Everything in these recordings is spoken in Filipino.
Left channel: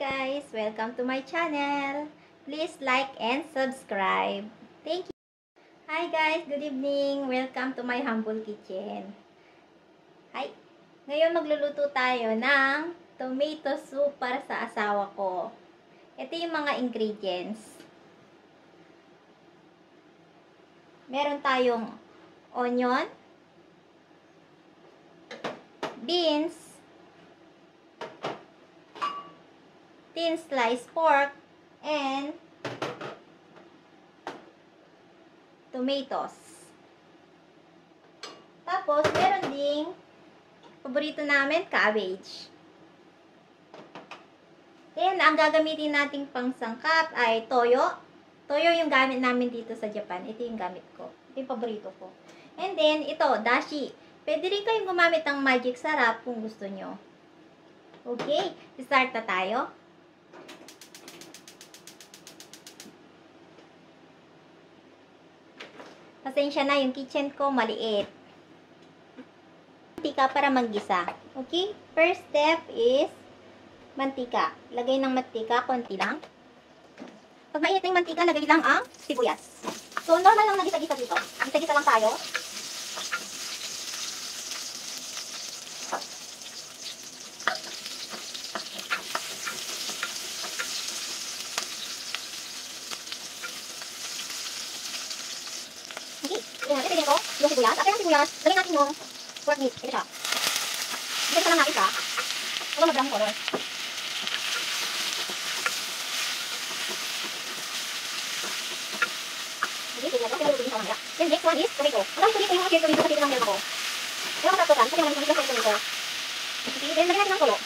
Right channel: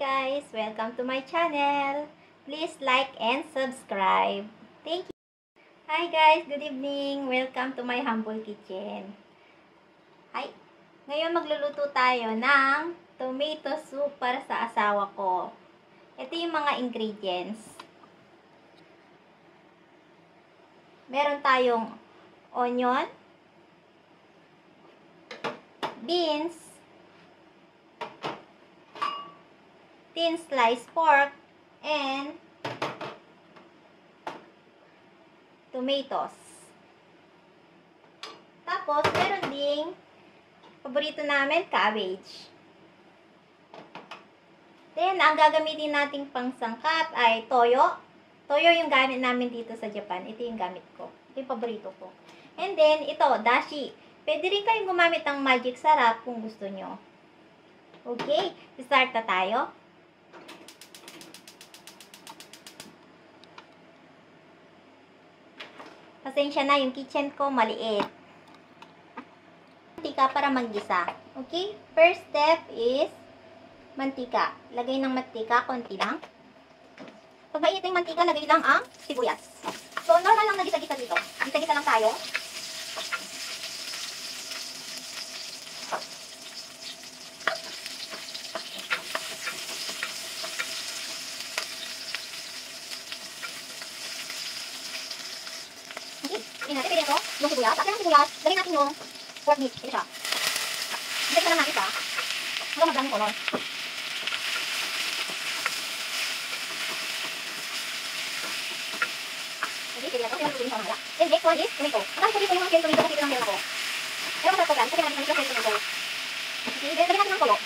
Guys, welcome to my channel. Please like and subscribe. Thank you. Hi guys, good evening. Welcome to my humble kitchen. Hi. Ngayon magluluto tayo ng tomato soup para sa asawa ko. Ito yung mga ingredients. Meron tayong onion, beans, thin sliced pork, and tomatoes. Tapos, meron ding paborito namin, cabbage. Then, ang gagamitin nating pangsangkap ay toyo. Toyo yung gamit namin dito sa Japan. Ito yung gamit ko. Ito yung paborito ko. And then, ito, dashi. Pwede rin kayong gumamit ng magic sarap kung gusto nyo. Okay, start na tayo. Pasensya na, yung kitchen ko maliit. Mantika para maggisa. Okay? First step is mantika. Lagay ng mantika, konti lang. Pag mainit na yung mantika, lagay lang ang sibuyas. So, normal lang na gisa-gisa dito. Gisa-gisa lang tayo. Tingnan natin, pwede ko yung sibuyas. After ng sibuyas, lagyan natin yung pork meat. Ito siya. Dito ka lang natin siya. Huwag mag-brown yung color. Okay, pwede natin. Pwede natin siya mamaya. Then next one is tomato. Marami ko dito yung mga cherry tomato kasi ito lang meron ako. Pero masarap ko dyan. Kasi naman yung cherry tomato. Okay, then lagyan natin ng tulo.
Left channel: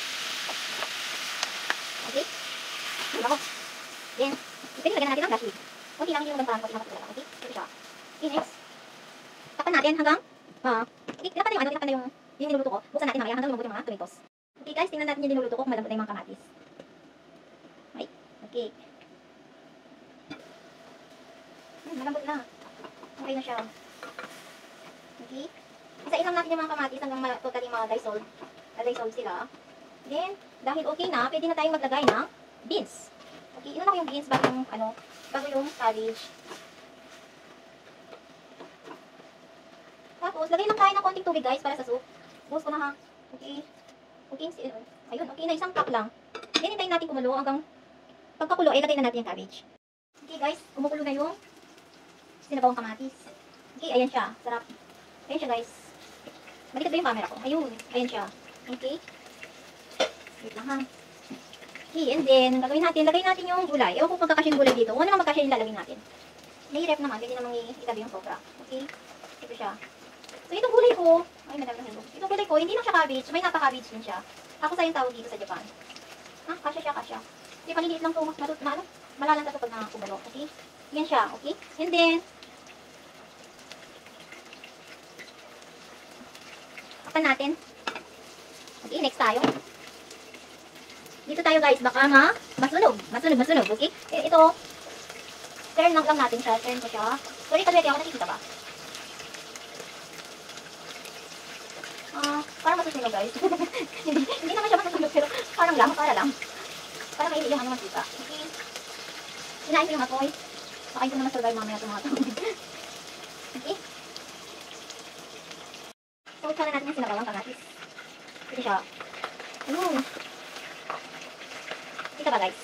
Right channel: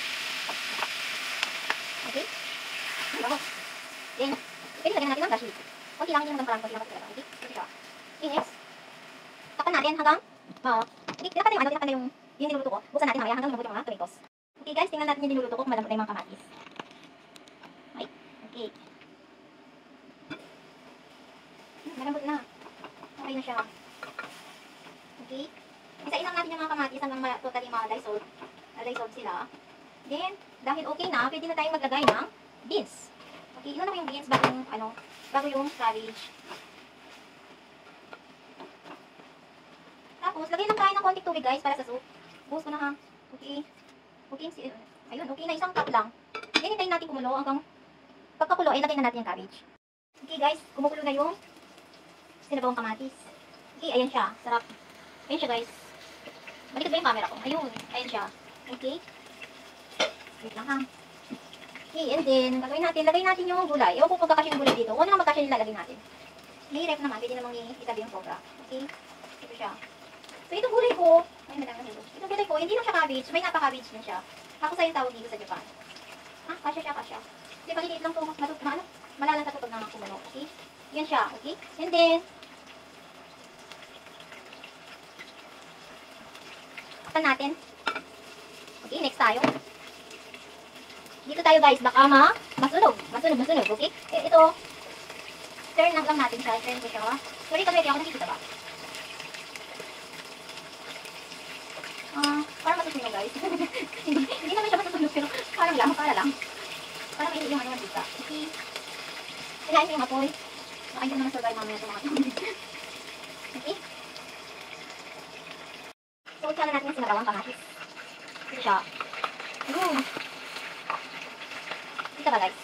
Okay. Then, pwede lagyan natin ng gashi. Okay lang, hindi naman parang konti lang. Okay, ito siya. Okay, next. Tapan natin hanggang dapat na yung niluluto ko. Buksan natin mamaya hanggang lumabot yung mga tomatoes. Okay guys, tingnan natin yung niluluto ko kung malambot na yung mga kamatis. Okay. Malambot na. Okay na siya. Okay. Isa-isang natin yung mga kamatis hanggang totally ma-dissolve sila. Then, dahil okay na, pwede na tayong maglagay ng beans. Okay, ilan ako yung beans bago yung cabbage. Tapos, lagay lang tayo ng konting tubig guys para sa soup. Buhos ko na ha. Okay. Okay. Ayun, okay na. Isang cup lang. Then, hintayin natin kumulo hanggang pagkakulo ay lagay na natin yung cabbage. Okay guys, kumukulo na yung sinabawang kamatis. Okay, ayan siya. Sarap. Ayan siya guys. Malikot ba yung camera ko? Ayun. Ayan siya. Okay. Wait lang ha. Okay, and then, gagawin natin. Lagay natin yung gulay. Ewan kung pagkakasya yung gulay dito. Kung ano na magkasya yung lalagay natin. May ref naman. Pwede namang itabi yung sobra. Okay. Ito siya. So, itong gulay ko, ay madami na nito. Itong gulay ko, hindi lang siya cabbage, may napa-cabbage din siya. Ako sa yung tawag dito sa Japan. Ha? Kasya siya, kasya. Hindi, paliliit lang ito, malalang sa ito pag nakakubalo. Okay? Yan siya, okay? And then, tapan natin. Okay, next tayo. Dito tayo guys, baka masunog, okay? Ito, turn lang natin siya, turn ko siya. Sorry, pag ako nakikita ba? Parang masusunod guys. Hindi naman siya masusunod pero parang lang, para may yung ano mantika. Okay. Sinain ko yung apoy. Baka hindi naman survive mamaya sa mga tao. Okay. So, utsala natin yung sinabawang kamatis. Ito siya. Ito ba guys?